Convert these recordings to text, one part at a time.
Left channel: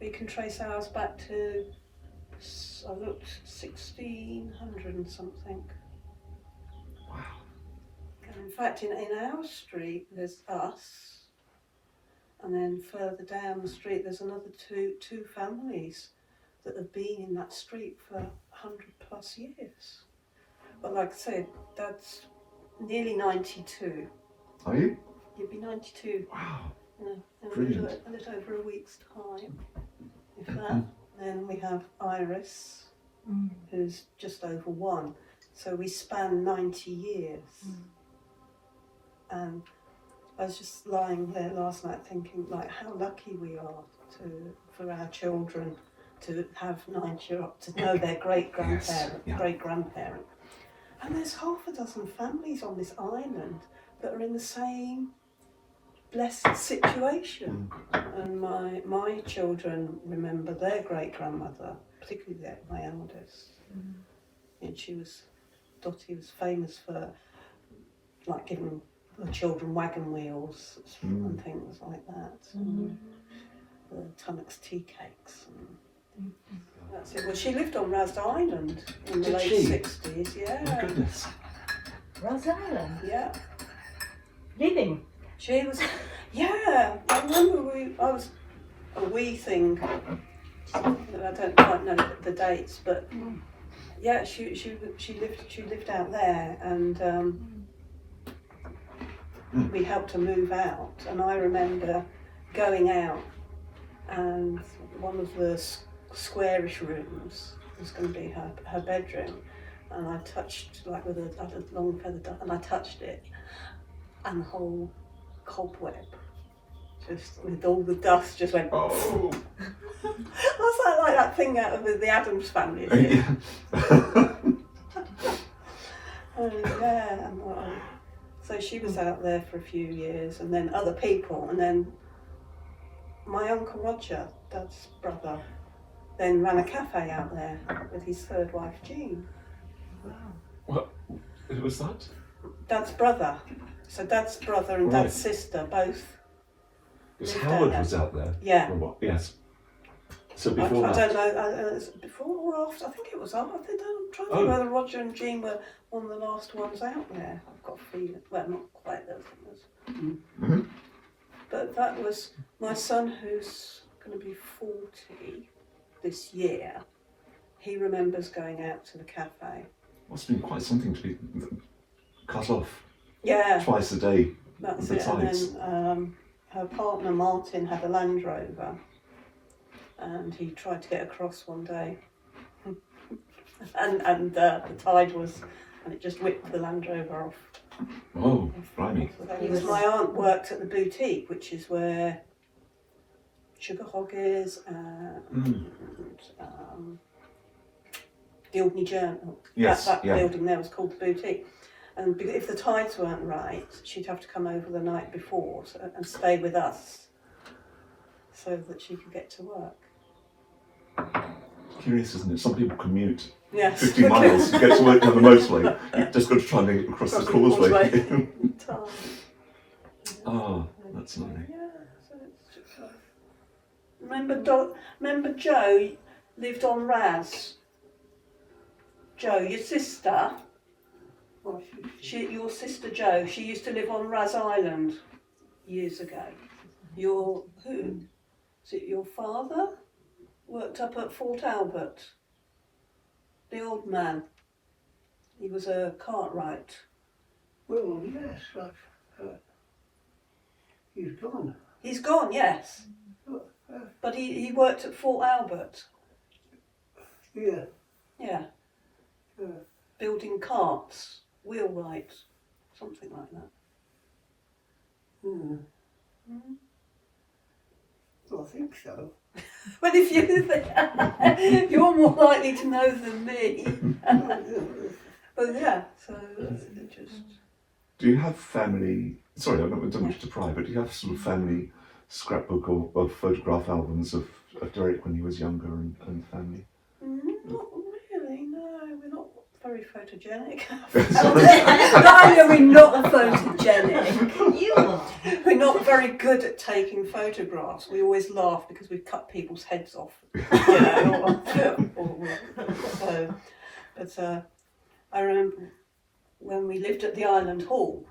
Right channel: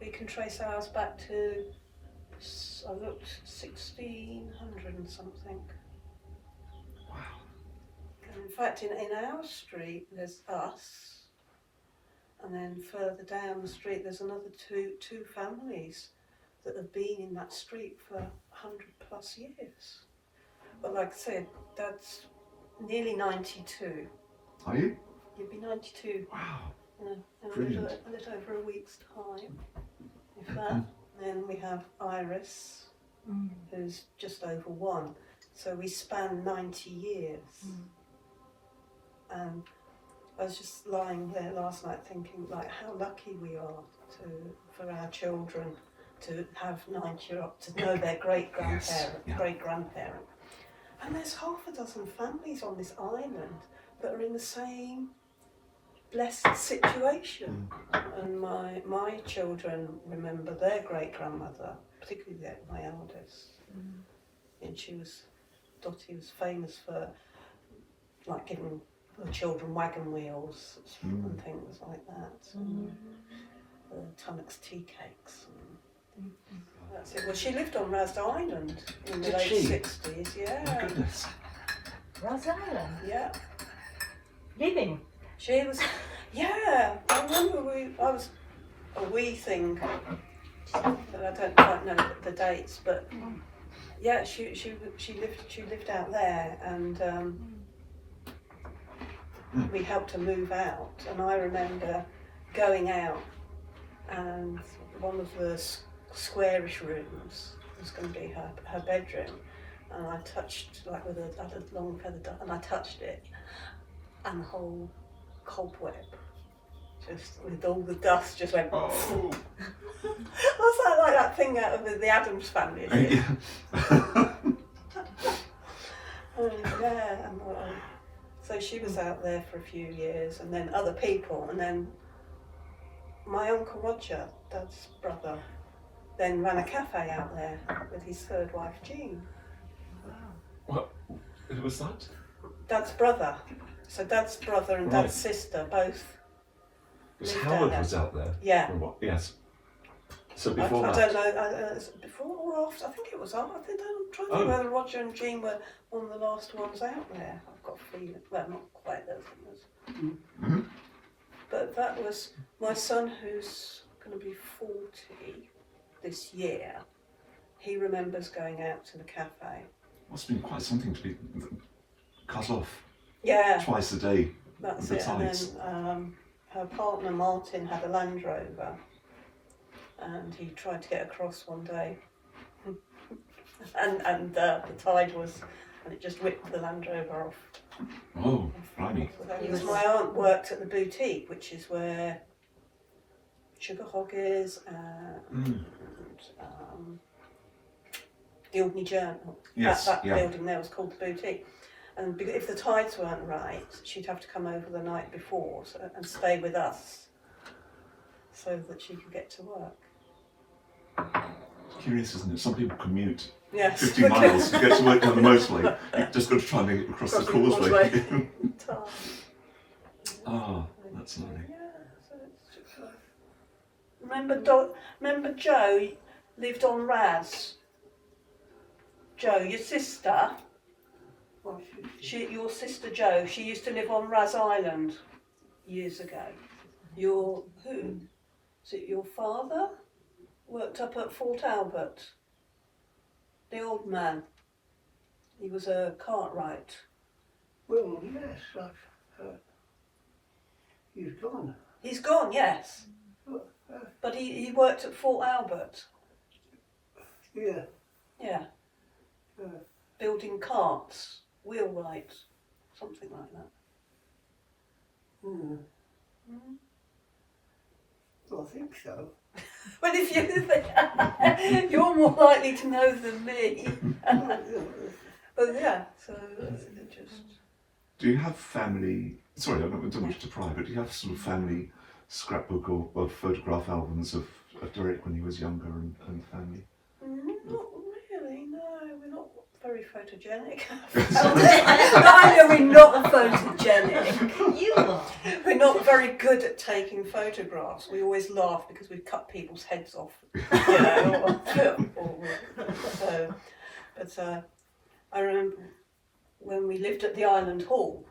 we can trace ours back to, I looked, 1600 and something. Wow. And in fact, in our street, there's us, and then further down the street, there's another two families that have been in that street for 100 plus years. But like I said, Dad's nearly 92. Are you? You'll be 92 Wow. in a Brilliant. little over a week's time, if that. Then we have Iris, who's just over 1. So we span 90 years. And I was just lying there last night thinking, like, how lucky we are for our children to have 90 to know their great-grandparent, Yes, yeah. great-grandparent. And there's half a dozen families on this island that are in the same blessed situation. And my children remember their great-grandmother, particularly my eldest. And Dottie was famous for, like, giving the children wagon wheels and things like that. And the Tunnocks tea cakes. And that's it. Well, she lived on Ras Island in the Did late she? 60s, yeah. My goodness. Ras Island? Yeah. Living? She was, yeah. I remember a wee thing, but I don't quite know the dates, but yeah, she lived out there, and we helped her move out. And I remember going out, and one of the squarish rooms was going to be her bedroom, and I touched, like, with a long feather duck, and I touched it, and the whole cobweb, just with all the dust, just went. Oh. What's that, like that thing out of the Addams Family? Isn't it? Yeah, and so she was out there for a few years, and then other people, and then my Uncle Roger, Dad's brother, then ran a cafe out there with his third wife, Jean. What? Who was that? Dad's brother. So Dad's brother and Right. Dad's sister both. Because Lived Howard out was out there. Yeah. For a while. Yes. So I before don't that. know, before or after, I think it was after. I'm trying to think whether Roger and Jean were one of the last ones out there. I've got a feeling, well, not quite those ones. But that was my son, who's going to be 40 this year. He remembers going out to the cafe. Must have been quite something to be cut off Yeah, twice a day. that's the it. tides. And then her partner Martin had a Land Rover, and he tried to get across one day, and the tide was, and it just whipped the Land Rover off. Oh, blimey. Because my aunt worked at the boutique, which is where Sugar Hog is, and the Albany Journal. Yes, That yeah. building there was called the boutique. And if the tides weren't right, she'd have to come over the night before and stay with us so that she could get to work. Curious, isn't it? Some people commute Yes. 50 miles to get to work on the motorway. You've just got to try and make it across the causeway. Oh, that's lovely. Yeah, so it's just remember Jo lived on Ras? Jo, your sister, your sister Jo, she used to live on Ras Island years ago. Who? Is it your father? Worked up at Fort Albert. The old man. He was a cartwright. Well, yes, he's gone. He's gone, yes. But he worked at Fort Albert. Yeah. Yeah. Building carts, wheelwrights, something like that. I think so. Well, if you're more likely to know than me. But yeah, so it just. Do you have family? Sorry, I don't wish to pry, but do you have sort of family scrapbook or photograph albums of Derek when he was younger and family? Not really, no. We're not very photogenic. I know we're not photogenic. You are. We're not very good at taking photographs. We always laugh because we cut people's heads off. You know, so, but I remember when we lived at the Island Hall,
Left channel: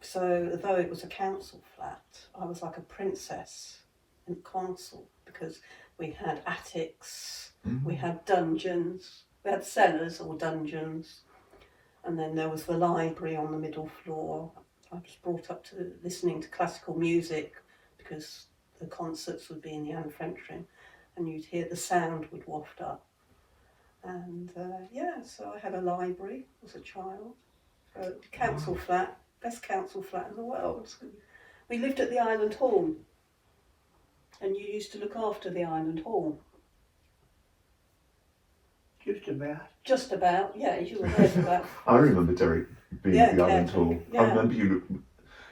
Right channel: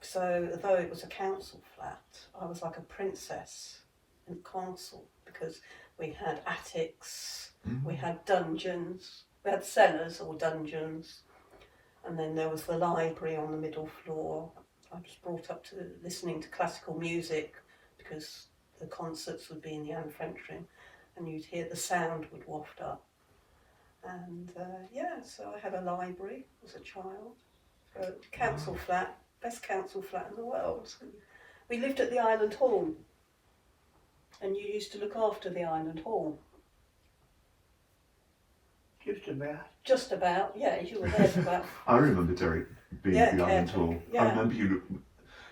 so though it was a council flat, I was like a princess in the castle because we had attics, we had dungeons, we had cellars or dungeons, and then there was the library on the middle floor. I was brought up to listening to classical music because the concerts would be in the Anne-French-ring and you'd hear the sound would waft up. And so I had a library as a child, a council flat, best council flat in the world. We lived at the Island Hall, and you used to look after the Island Hall. Just about. Just about, yeah, you were there for about. I remember Derek being at the Island careful. Hall. Yeah. I remember you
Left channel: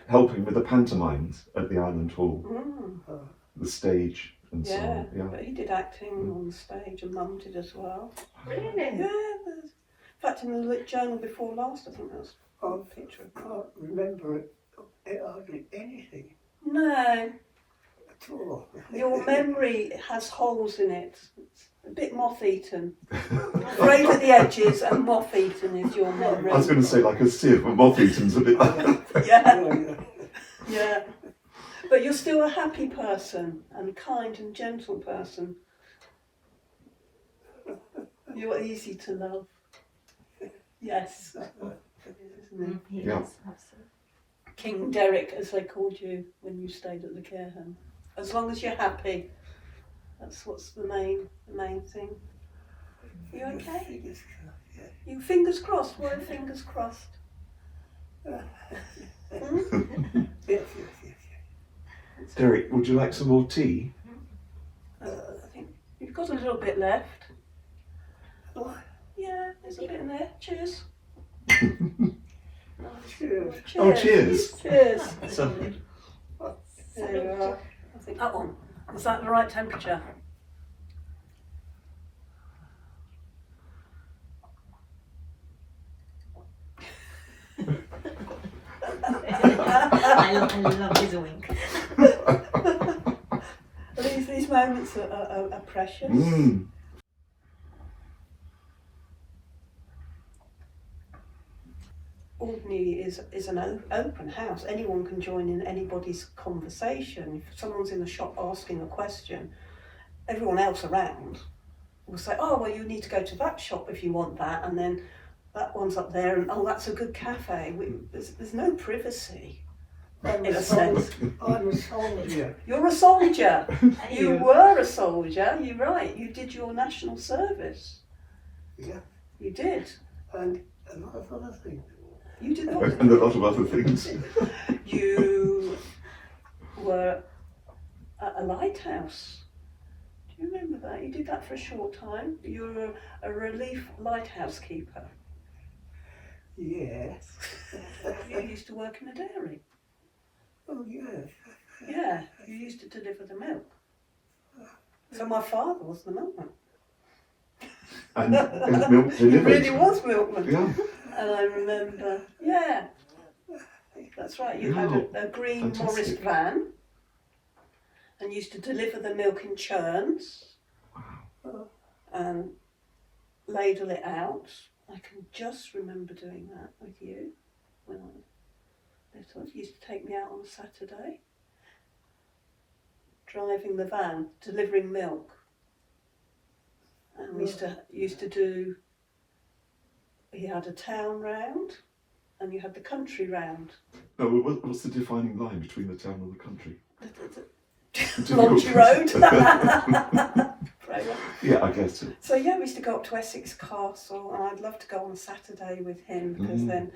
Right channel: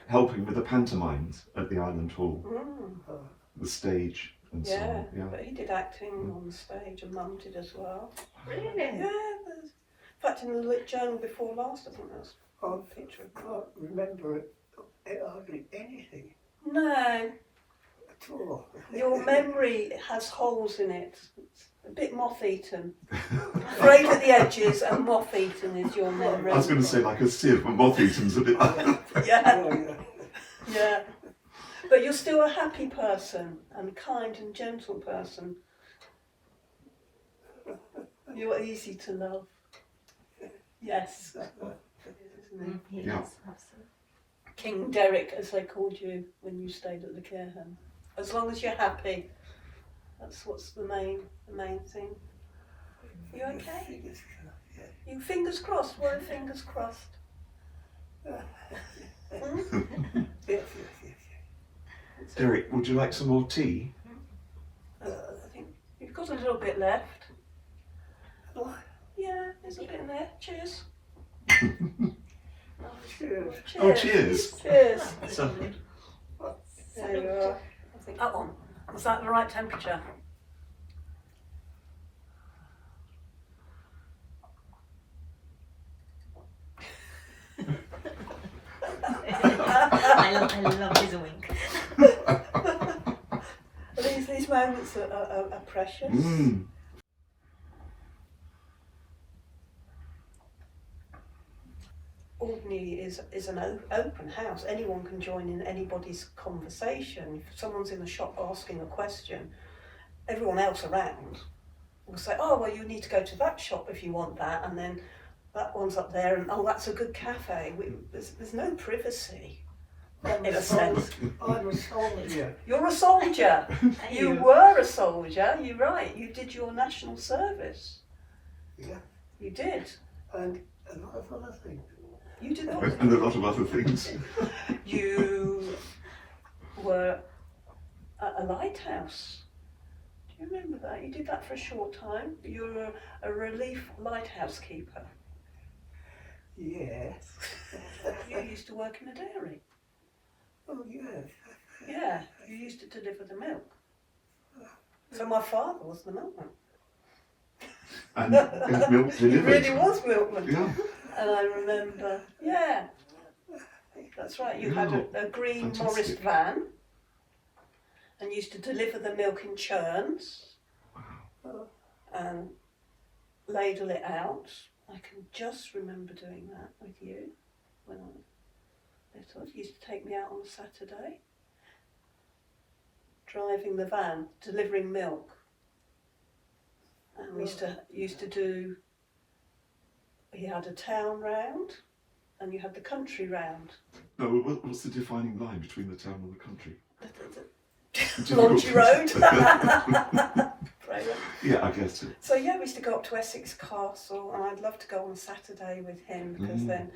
helping with the pantomimes at the Island Hall, the stage and so Yeah, on. but he did acting on the stage, and Mum did as well. Really? Yeah, in fact, in the journal before last, I think there was I a picture of can't remember hardly anything No, at all. your memory has holes in it. It's a bit moth-eaten. Frayed at the edges and moth-eaten is your memory. I was going to say like a sieve, but moth-eaten's a bit. Yeah, Oh, yeah. yeah. But you're still a happy person and kind and gentle person. You're easy to love. Yes. Isn't he? He Yeah. is, absolutely. King Derek, as they called you when you stayed at the care home. As long as you're happy, that's what's the main thing. You okay? Yeah. You fingers crossed. What are fingers crossed? Hmm? Yes, yes. Derek, would you like some more tea? I think you've got a little bit left. Oh, Yeah, there's a bit in there. Cheers. cheers. Oh, cheers. Cheers. So, There you are. I think that one. Was that the right temperature? I love his wink. These moments are precious. Alderney is an open house. Anyone can join in anybody's conversation. If someone's in a shop asking a question, everyone else around will say, oh, well, you need to go to that shop if you want that, and then that one's up there, and oh, that's a good cafe. There's no privacy, in a sense. I'm a soldier. You're a soldier. You were a soldier. You're right. You did your national service. Yeah. You did. And a lot of other things. You did not. and a lot of other things. You were at a lighthouse. Do you remember that? You did that for a short time. You were a relief lighthouse keeper. Yes. You used to work in a dairy. Oh, yes. Yeah, you used to deliver the milk. So my father was the milkman. And milk He delivered. really was milkman. Yeah. And I remember, yeah, that's right. You had a green Fantastic. Morris van and used to deliver the milk in churns and ladle it out. I can just remember doing that with you when I was little. You used to take me out on a Saturday, driving the van, delivering milk. And we used to do. You had a town round, and you had the country round. No, what's the defining line between the town and the country? Launchy Road. Yeah, I guess. So yeah, we used to go up to Essex Castle, and I'd love to go on a Saturday with him because then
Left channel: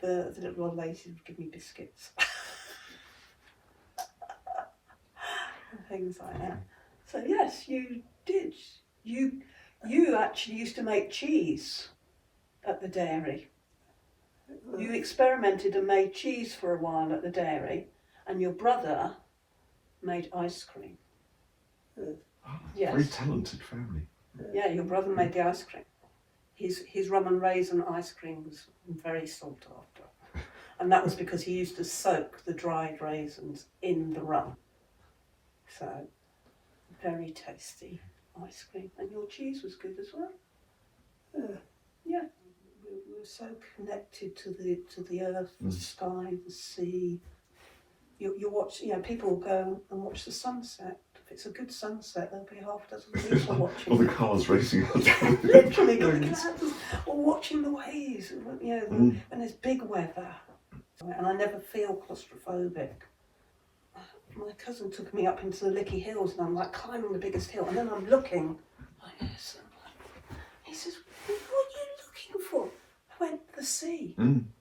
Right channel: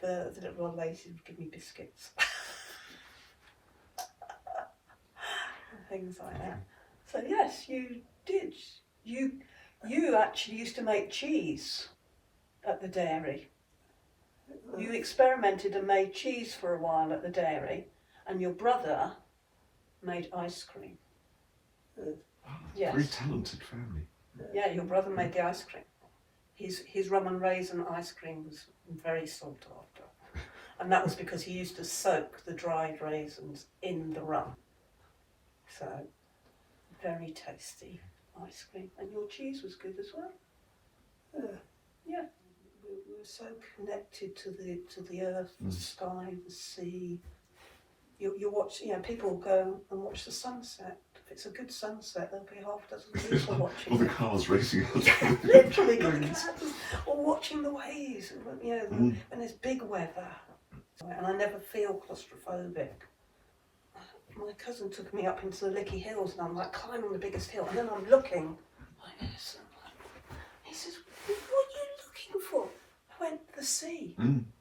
the little old ladies would give me biscuits and things like that. So yes, you did. You actually used to make cheese at the dairy. You experimented and made cheese for a while at the dairy, and your brother made ice cream. Very Yes. talented family. Yeah, your brother made the ice cream. his rum and raisin ice cream was very sought after. And that was because he used to soak the dried raisins in the rum. So, very tasty ice cream. And your cheese was good as well. Yeah. We were so connected to the earth, the sky, the sea. You watch, people go and watch the sunset. If it's a good sunset, there'll be half a dozen people watching. Or the cars racing out. Literally, or watching the waves, when there's big weather. And I never feel claustrophobic. My cousin took me up into the Lickey Hills and I'm like climbing the biggest hill and then I'm looking like this. And he says, what are you looking for? I went, the sea. And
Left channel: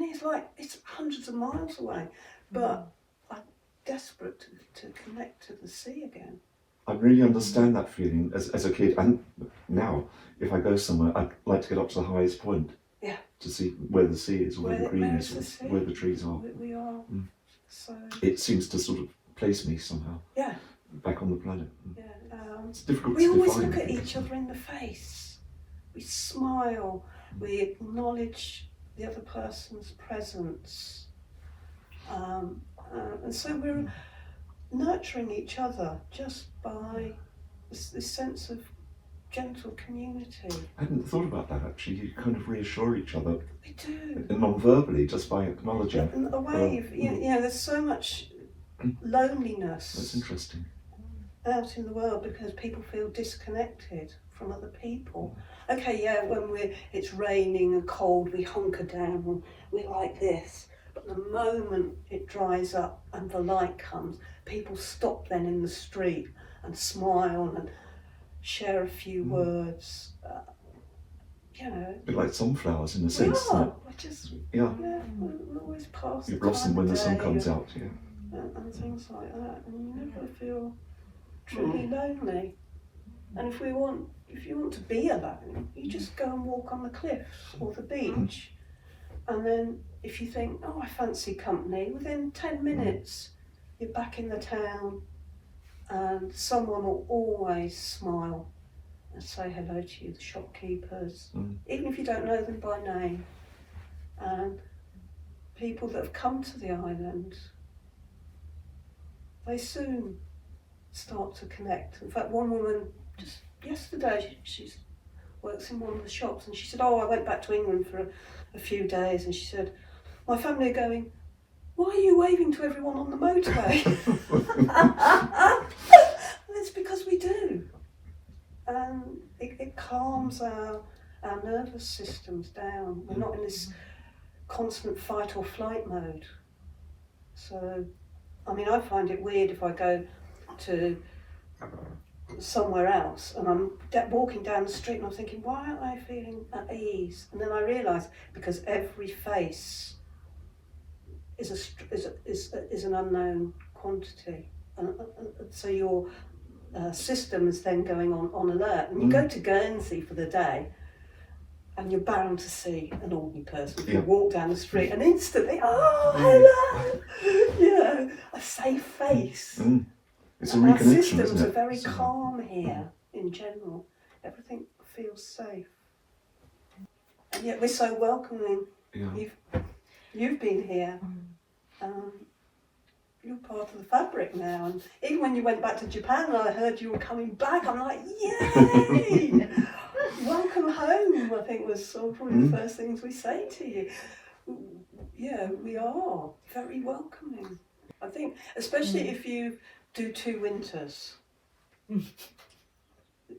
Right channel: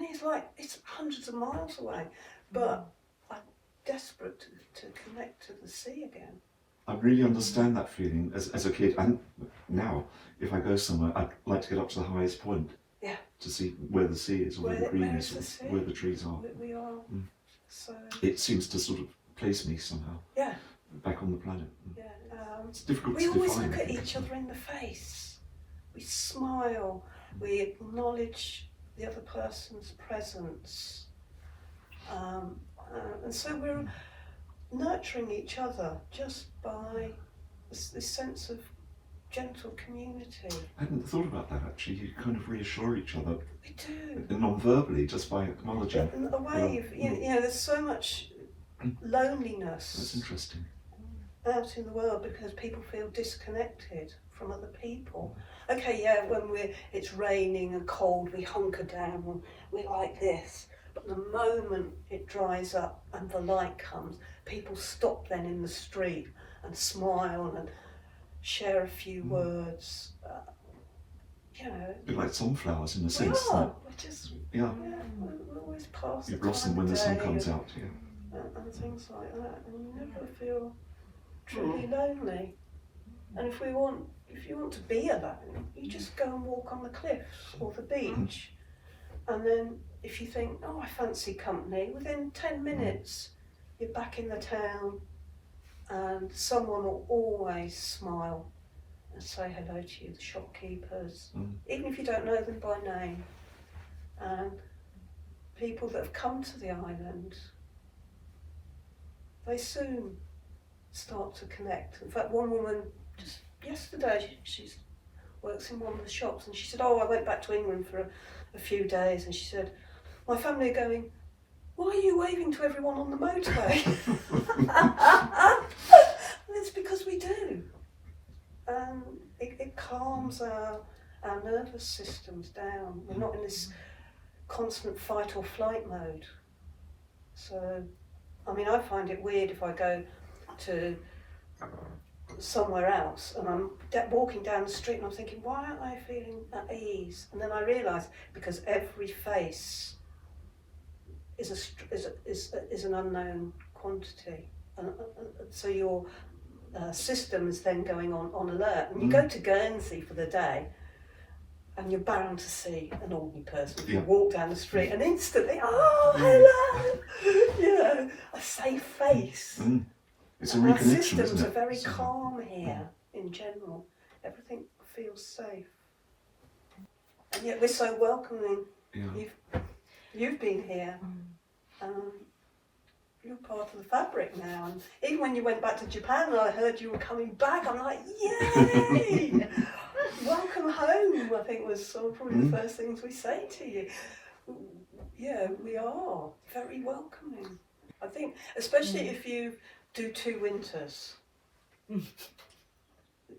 he's like, it's hundreds of miles away. But I'm desperate to connect to the sea again. I really understand that feeling as a kid, and now if I go somewhere, I'd like to get up to the highest point. Yeah. To see where the sea is, where the green is, the sea? where the trees are. We are. So. It seems to sort of place me somehow. Yeah. Back on the planet. Yeah. It's difficult We to always define. look at each other in the face. We smile. We acknowledge the other person's presence. And so we're nurturing each other just by this sense of gentle community. I hadn't thought about that actually. You kind of reassure each other We do. non-verbally just by acknowledging. In a way, there's so much loneliness. That's interesting. Out in the world because people feel disconnected from other people. Okay, when it's raining and cold, we hunker down and we're like this. But the moment it dries up and the light comes, people stop then in the street and smile and share a few words. A bit like sunflowers in the We sense are. that We're just we're always past you the blossom time when of the sun day comes out. Yeah. and things like that, and you never feel truly lonely. And if you want to be alone, you just go and walk on the cliffs or the beach, and then if you think, oh, I fancy company, within 10 minutes you're back in the town, and someone will always smile and say hello to you, the shopkeepers, even if you don't know them by name, and people that have come to the island. They soon start to connect. In fact, one woman just yesterday, she works in one of the shops, and she said, oh, I went back to England for a few days, and she said, my family are going, why are you waving to everyone on the motorway? And it's because we do. And it calms our nervous systems down. We're not in this constant fight or flight mode. So, I mean, I find it weird if I go to somewhere else and I'm walking down the street and I'm thinking, why aren't I feeling at ease? And then I realise because every face is an unknown quantity, and so your system is then going on alert. And you go to Guernsey for the day, and you're bound to see an ordinary person. You walk down the street and instantly, oh, hello, a safe face. It's a And our reconnection, systems isn't are it? very calm here in general. Everything feels safe. And yet we're so welcoming. Yeah. You've been here. You're part of the fabric now. And even when you went back to Japan, I heard you were coming back. I'm like, yay! Welcome home, I think was probably the first things we say to you. Yeah, we are very welcoming. I think, especially if you do 2 winters.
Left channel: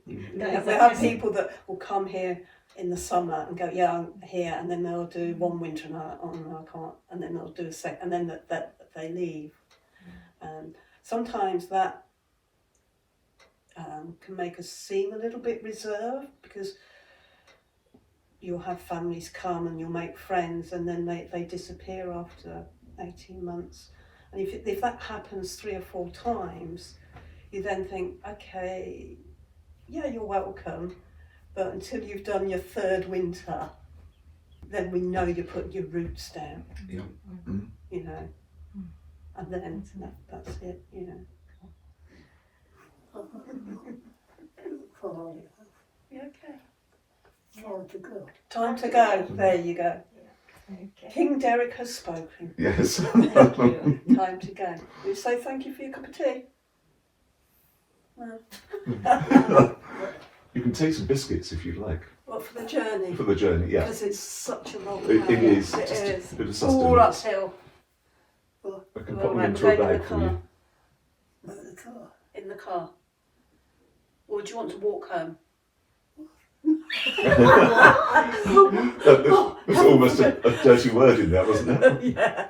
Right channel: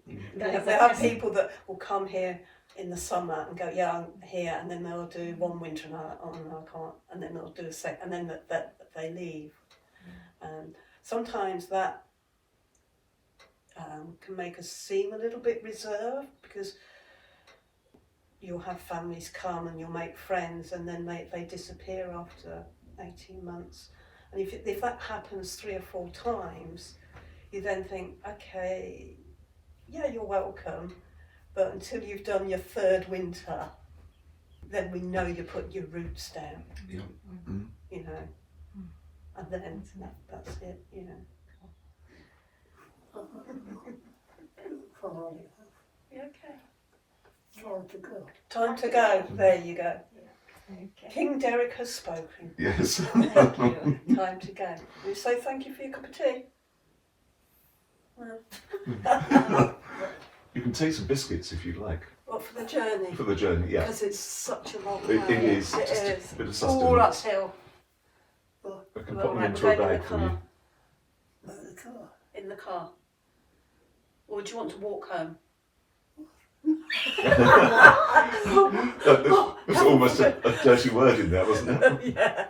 There are people that will come here in the summer and go, yeah, I'm here, and then they'll do 1 winter and oh no, I can't, and then they'll do a second, and then that they leave. Sometimes that can make us seem a little bit reserved because you'll have families come and you'll make friends and then they disappear after 18 months. And if that happens 3 or 4 times, you then think, okay, yeah, you're welcome, but until you've done your 3rd winter, then we know you put your roots down. Yeah. You know, and then that's it. You know. Fine. Yeah, okay. to go. Time to go. There you go. Okay. King Derek has spoken. Yes. Thank you. Time to go. You say thank you for your cup of tea? No. You can take some biscuits if you'd like What, for the journey? for the journey. Yeah, Because it's such a long it way. is. It Just is. a bit of All sustenance. uphill. I can All put them right, into we're a going in bag the for you. car. Not the car. In the car. Or do you want to walk home? There's almost a dirty word in there, wasn't there? Yeah.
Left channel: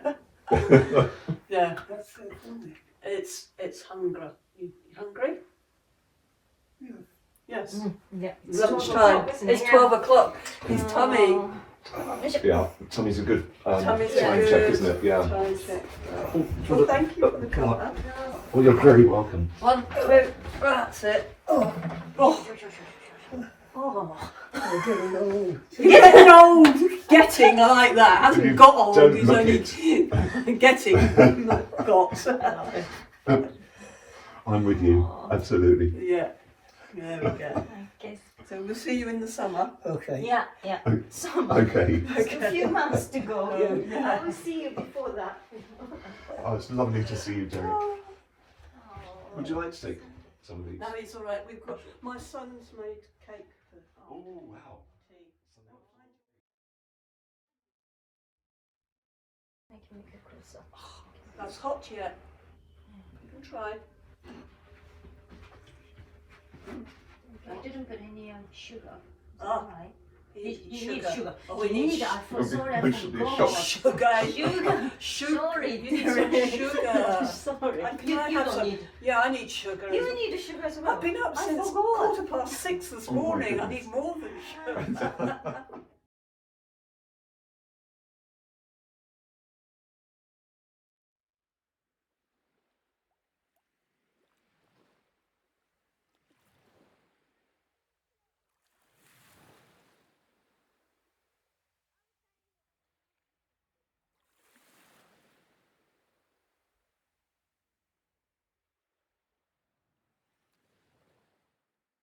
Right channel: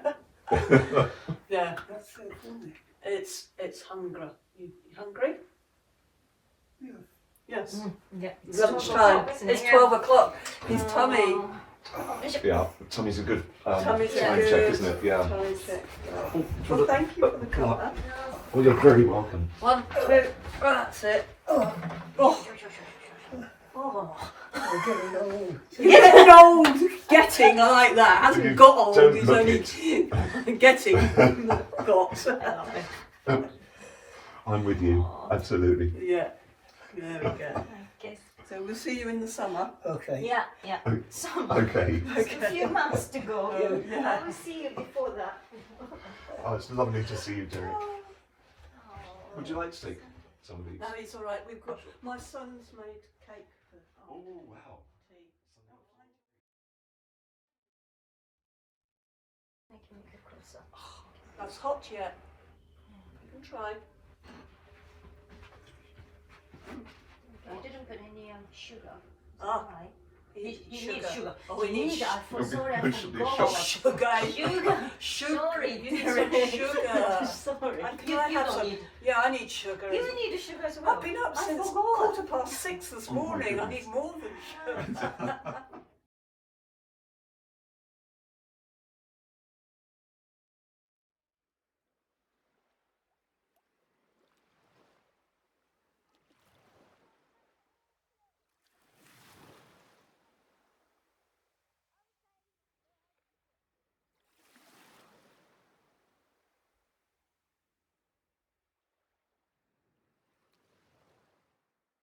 Yeah. That's so funny. It's hunger. You hungry? Yeah. Yes. Yeah. Lunchtime. It's 12 o'clock. His tummy. Yeah, tummy's a good Tummy's time good. check, isn't it? Yeah. Tummy check. Oh, Well, thank you for the colour. well, you're very welcome. 1, 2. That's it. Oh. Oh. I'm getting old. Getting old. Getting, I like that. Hasn't You got old. don't He's look only getting. Got. I'm with you, absolutely. Yeah. There we go. Okay. So we'll see you in the summer. Okay. Yeah, yeah. Summer. Okay. Just a few months to go. Yeah. I will see you before that. Oh, it's lovely to see you, Derek. Would you like to take some of these? No, it's all right. We've got my son's made cake for Oh, wow. tea. I can make it closer. That's hot yet. You can try. I didn't put any sugar. Ah. Right. You You need sugar. Oh, You need. I You'll be- sorry, I you should be forgot. shocked. Sugar. Sugar. Sorry, You need some sugar. Sorry. And can You, I you have don't some? need. Yeah, I need sugar. You need the sugar as well. I've been up I since forgot. 6:15 this Oh my morning. I goodness. need more than sugar.